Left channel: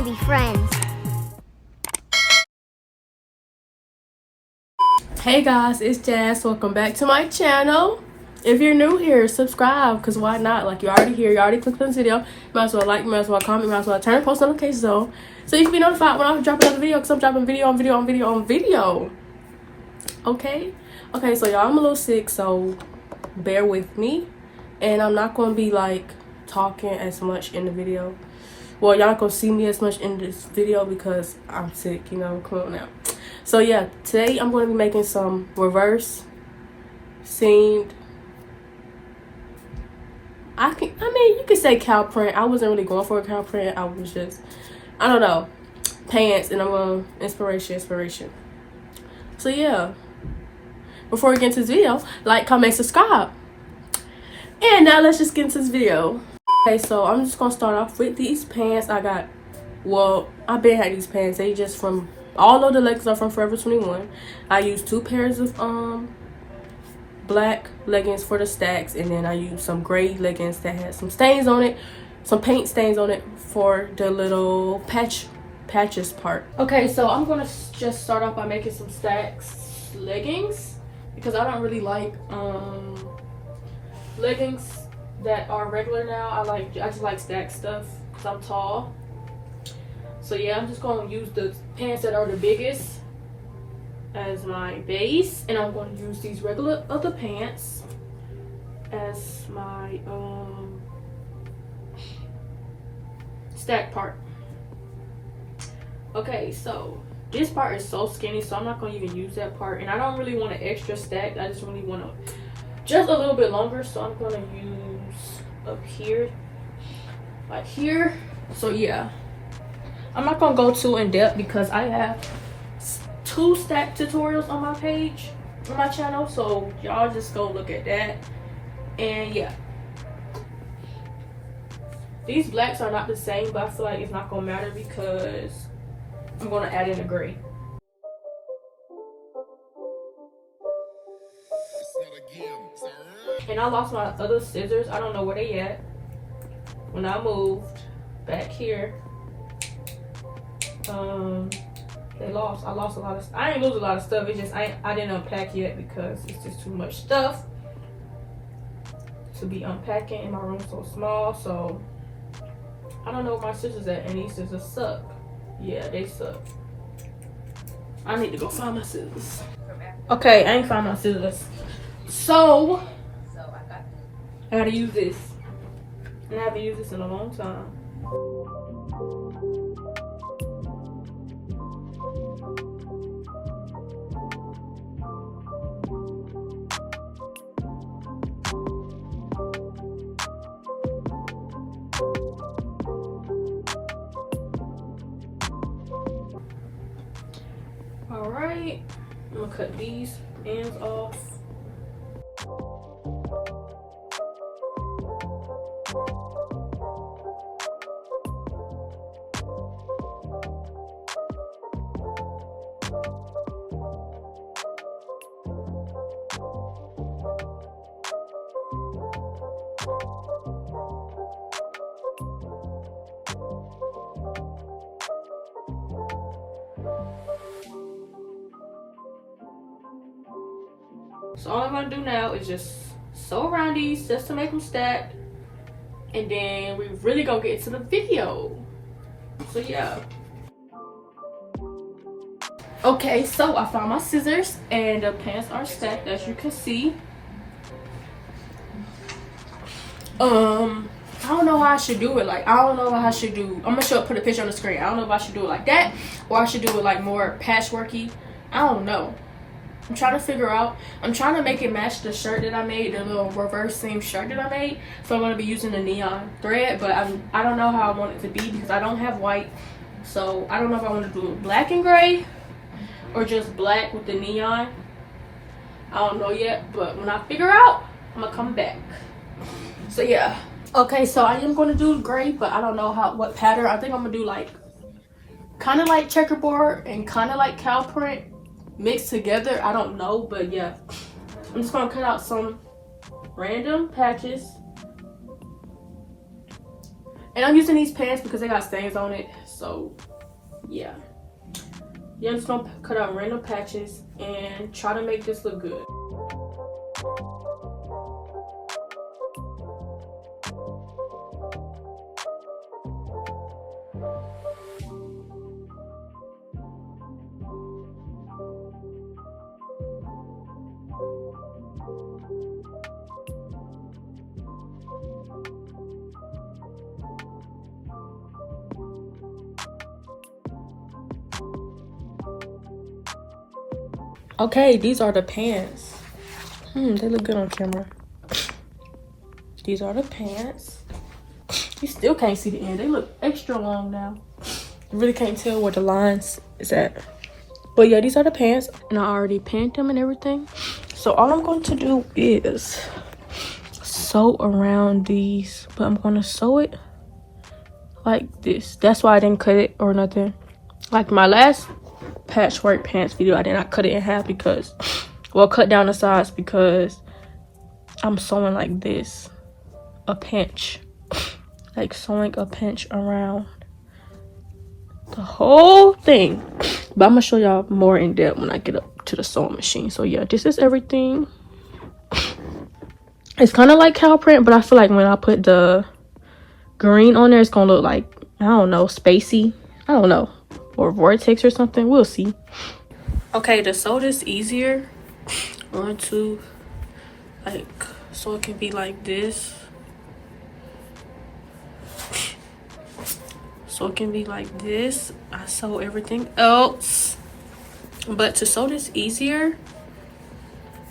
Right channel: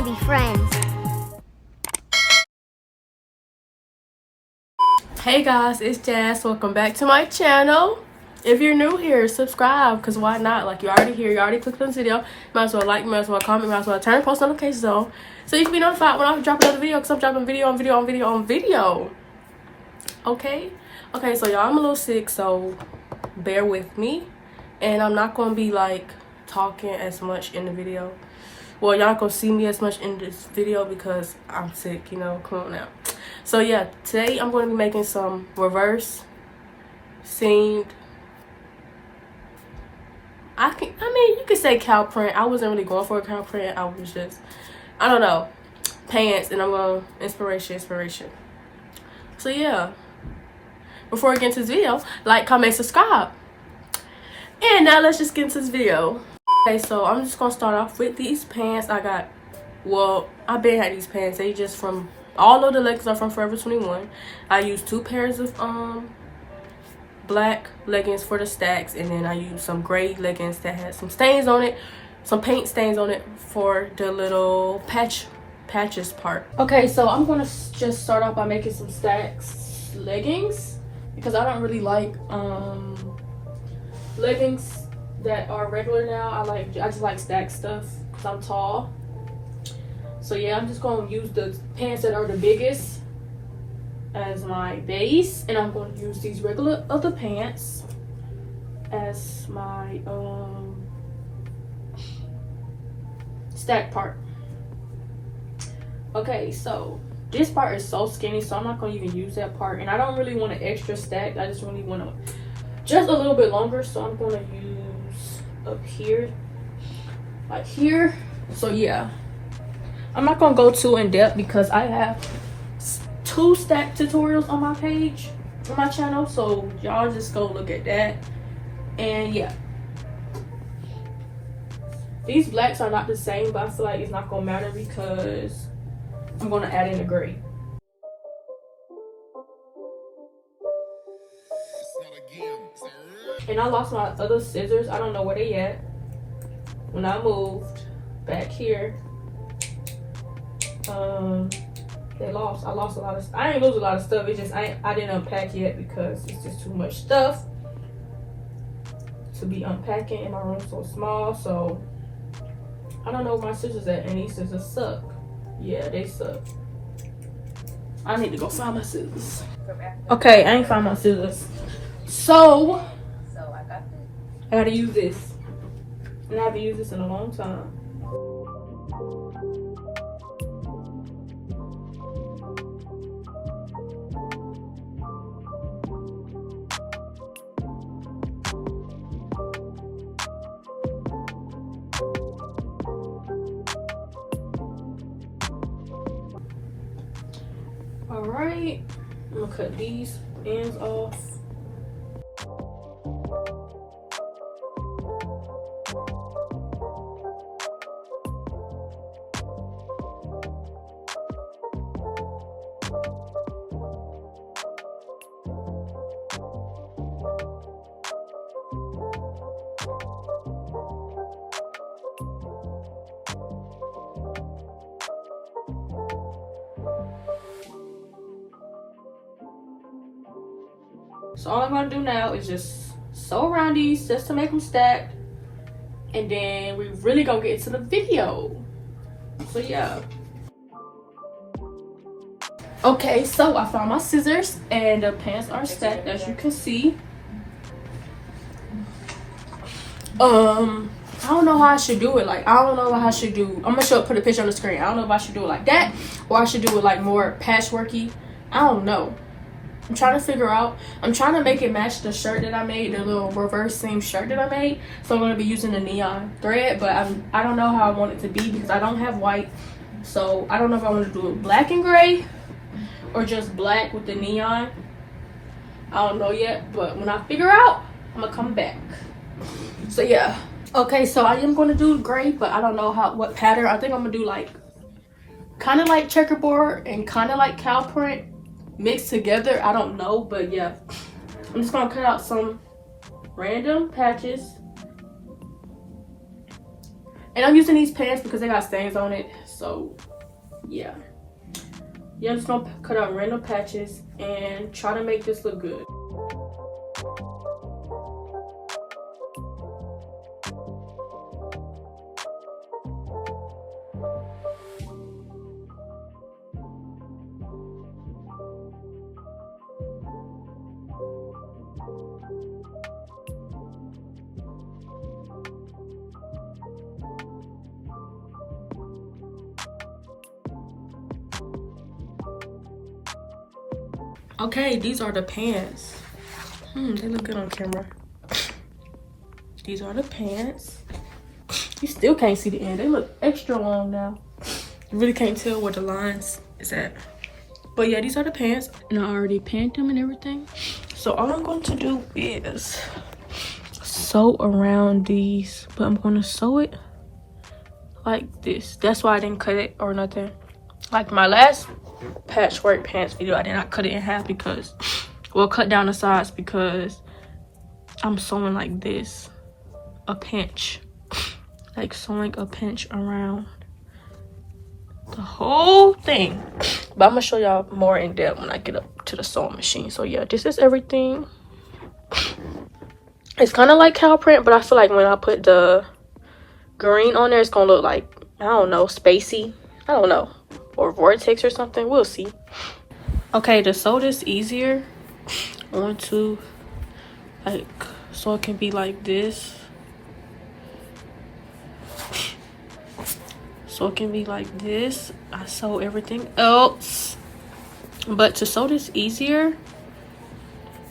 to be friends. Hey guys, it's Jazz. Welcome back to my channel. If you're new here, subscribe, because why not? Like, you're already here, you already clicked on the video. You might as well like, you might as well comment, you might as well turn post notifications on, so you can be notified when I drop another video, because I'm dropping video on video on video on video. Okay, so y'all, I'm a little sick, so bear with me. And I'm not going to be like talking as much in the video. Well, y'all not going to see me as much in this video because I'm sick, you know, come on now. So yeah, today I'm going to be making some reverse seamed, I mean, you could say cow print. I wasn't really going for a cow print. I was just, I don't know, pants, and I'm going inspiration. So yeah, before we get into this video, like, comment, subscribe. And now let's just get into this video. Okay, so I'm just gonna start off with these pants. I got, well, I've been had these pants. They just from, all of the leggings are from Forever 21. I used 2 pairs of black leggings for the stacks, and then I used some gray leggings that had some stains on it, some paint stains on it for the little patches part. Okay, so I'm gonna just start off by making some stacks leggings, because I don't really like leggings that are regular now. I just like stack stuff because I'm tall. So yeah, I'm just going to use the pants that are the biggest as my base, and I'm going to use these regular other pants as my stack part. Okay, so this part is so skinny, so I'm not going to even use that part, and I don't really want an extra stack. I just really want to just a little bit longer, so I'm going to use up here, like here. So yeah, I'm not gonna go too in depth because I have 2 stack tutorials on my page, on my channel, so y'all just go look at that. And yeah, these blacks are not the same, but I feel like it's not gonna matter because I'm gonna add in the gray. And I lost my other scissors. I don't know where they at. When I moved back here, they lost. I lost a lot of. I didn't lose a lot of stuff. It just I didn't unpack yet because it's just too much stuff to be unpacking, and my room's so small. So I don't know where my scissors at, and these scissors suck. Yeah, they suck. I need to go find my scissors. Okay, I ain't found my scissors. So I gotta use this, and I haven't used this in a long time. All right, I'm gonna cut these ends off. So all I'm gonna do now is just sew around these just to make them stack, and then we really gonna get into the video. So yeah. Okay, so I found my scissors and the pants are stacked, as you can see. I don't know how I should do it. Like, I don't know how I should do. I'm gonna put a picture on the screen. I don't know if I should do it like that, or I should do it like more patchworky. I don't know. I'm trying to figure out. I'm trying to make it match the shirt that I made, the little reverse seam shirt that I made. So I'm going to be using the neon thread, but I don't know how I want it to be because I don't have white. So I don't know if I want to do it black and gray or just black with the neon. I don't know yet, but when I figure out, I'm going to come back. So yeah. Okay, so I am going to do gray, but I don't know what pattern. I think I'm going to do like kind of like checkerboard and kind of like cow print mixed together. I don't know, but yeah, I'm just gonna cut out some random patches And I'm using these pants because they got stains on it. So yeah. Yeah, I'm just gonna cut out random patches and try to make this look good. Okay, these are the pants. They look good on camera. These are the pants. You still can't see the end. They look extra long now. You really can't tell where the lines is at. But yeah, these are the pants. And I already pinned them and everything. So all I'm going to do is sew around these. But I'm going to sew it like this. That's why I didn't cut it or nothing. Like my last patchwork pants video, I did not cut it in half because, well, cut down the sides because I'm sewing like this, a pinch, like sewing a pinch around the whole thing. But I'm gonna show y'all more in depth when I get up to the sewing machine. So yeah, this is everything. It's kind of like cow print, but I feel like when I put the green on there, it's gonna look like, I don't know, spacey, I don't know, or vortex or something. We'll see. Okay, to sew this easier, I want to, like, so it can be like this. So it can be like this. I sew everything else. But to sew this easier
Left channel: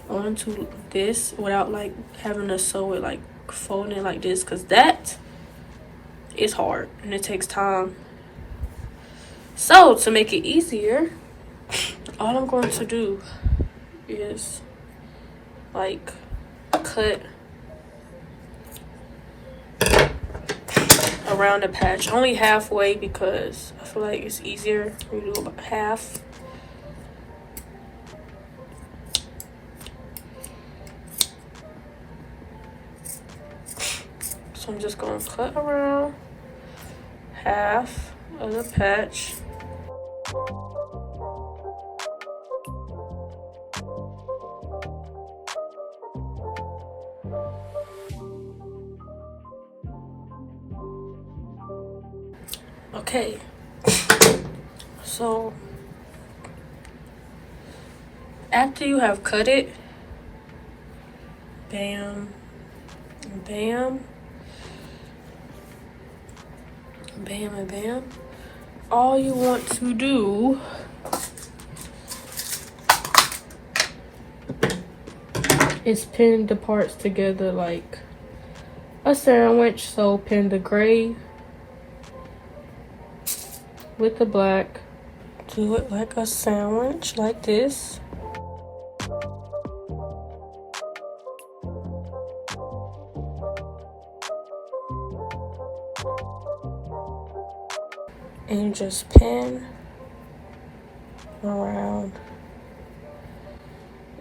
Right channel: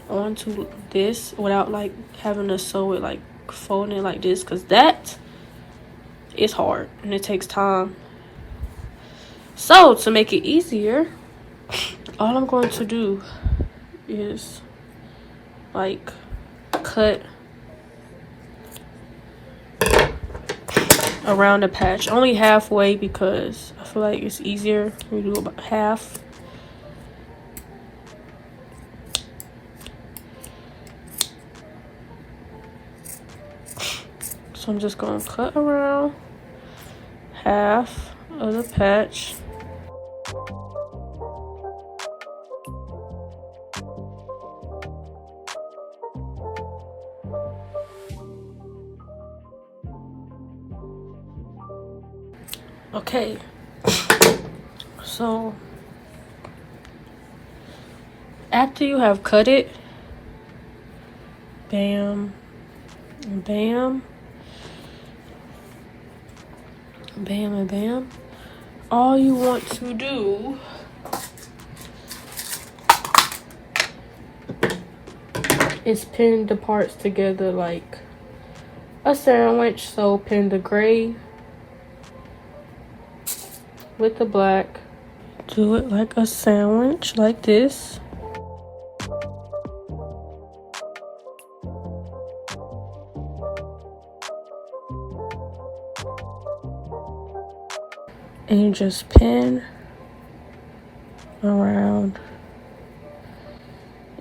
onto this without like having to sew it, like folding it like this, because that is hard and it takes time. So to make it easier, all I'm going to do is like cut around the patch, only halfway, because I feel like it's easier to do about half. So I'm just gonna cut around half of the patch. Okay, so after you have cut it, bam, bam, bam, and bam, all you want to do is pin the parts together like a sandwich. So pin the gray with the black, do it like a sandwich, like this. And you just pin around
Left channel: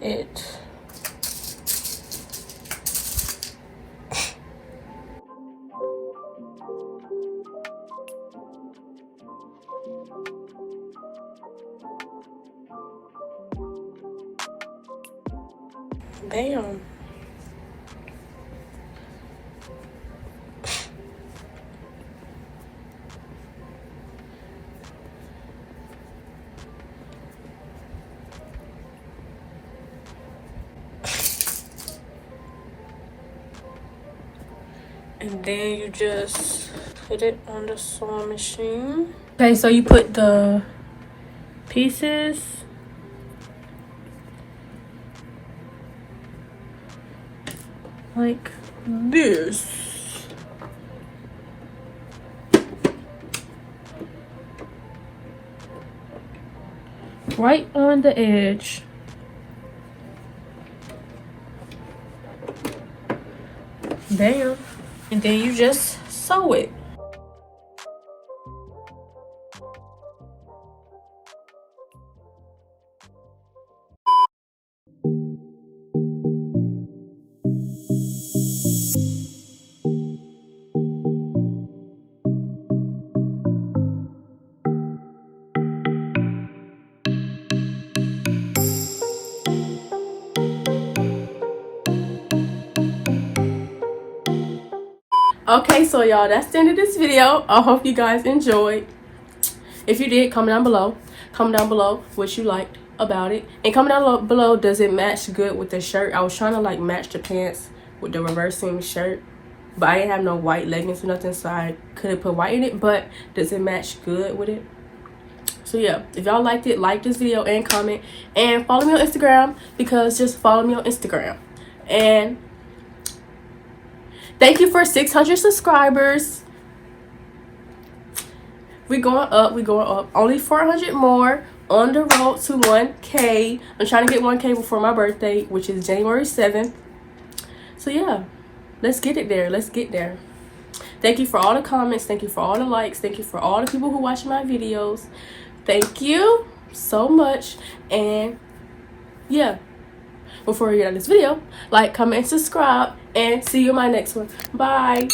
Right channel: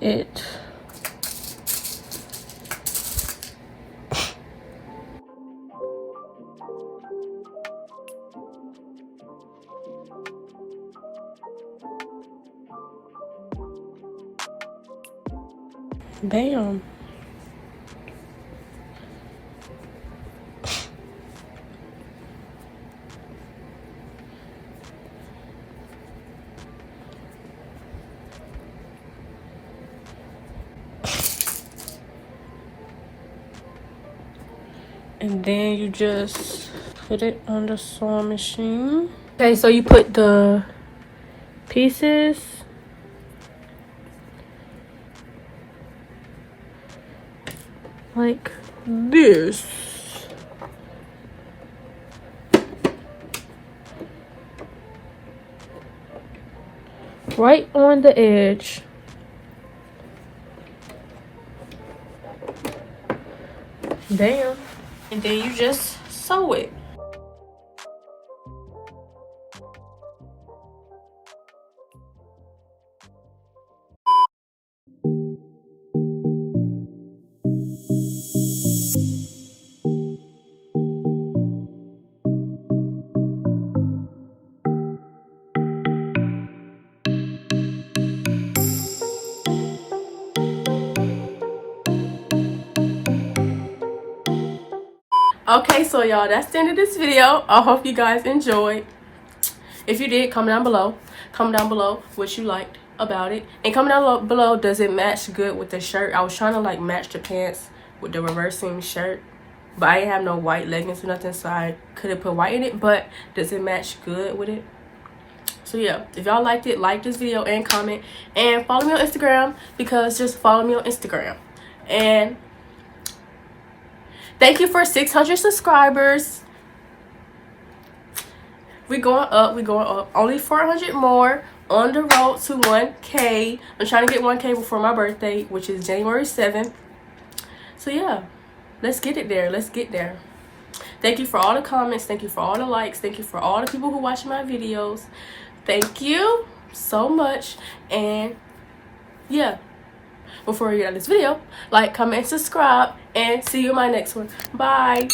it. Bam. And then you just put it on the sewing machine. Okay, so you put the pieces like this. Right on the edge. Bam. And then you just sew it. Okay, so y'all, that's the end of this video. I hope you guys enjoyed. If you did, comment down below. Comment down below what you liked about it. And comment down below, does it match good with the shirt? I was trying to like match the pants with the reverse seam shirt, but I didn't have no white leggings or nothing, so I couldn't put white in it. But does it match good with it? So yeah, if y'all liked it, like this video and comment. And follow me on Instagram, because just follow me on Instagram. And thank you for 600 subscribers. We're going up, we're going up. Only 400 more on the road to 1K. I'm trying to get 1K before my birthday, which is January 7th. So yeah, let's get it there. Let's get there. Thank you for all the comments. Thank you for all the likes. Thank you for all the people who watch my videos. Thank you so much. And yeah, before we get out of this video, like, comment, and subscribe. And see you in my next one. Bye.